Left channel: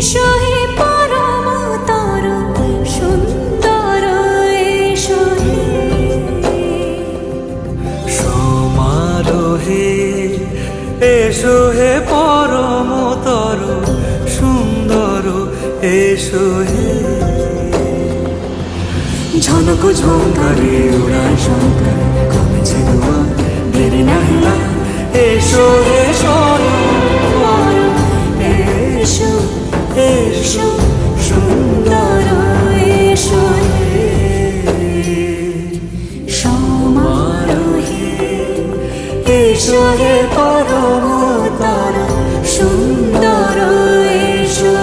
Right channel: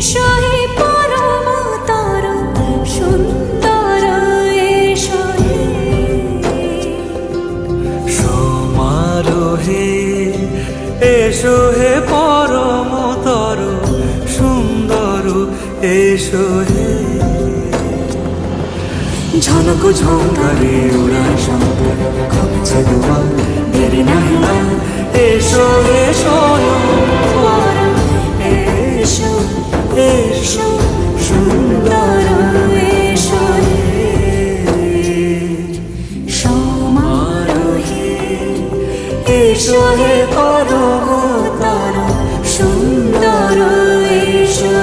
এসো হে পরমতর সুন্দর এসো হে সমারোহে এসো হে পরমতর সুন্দর এসো হে ঝনক ঝঙ্কারে উড়ায় শঙ্কারে খুলেছে দুয়ার দেরি নাহি আর এসো হে স্বয়ং এসো এসো সুন্দর এসো হে সমারোহে এসো হে পরমতর সুন্দর এসো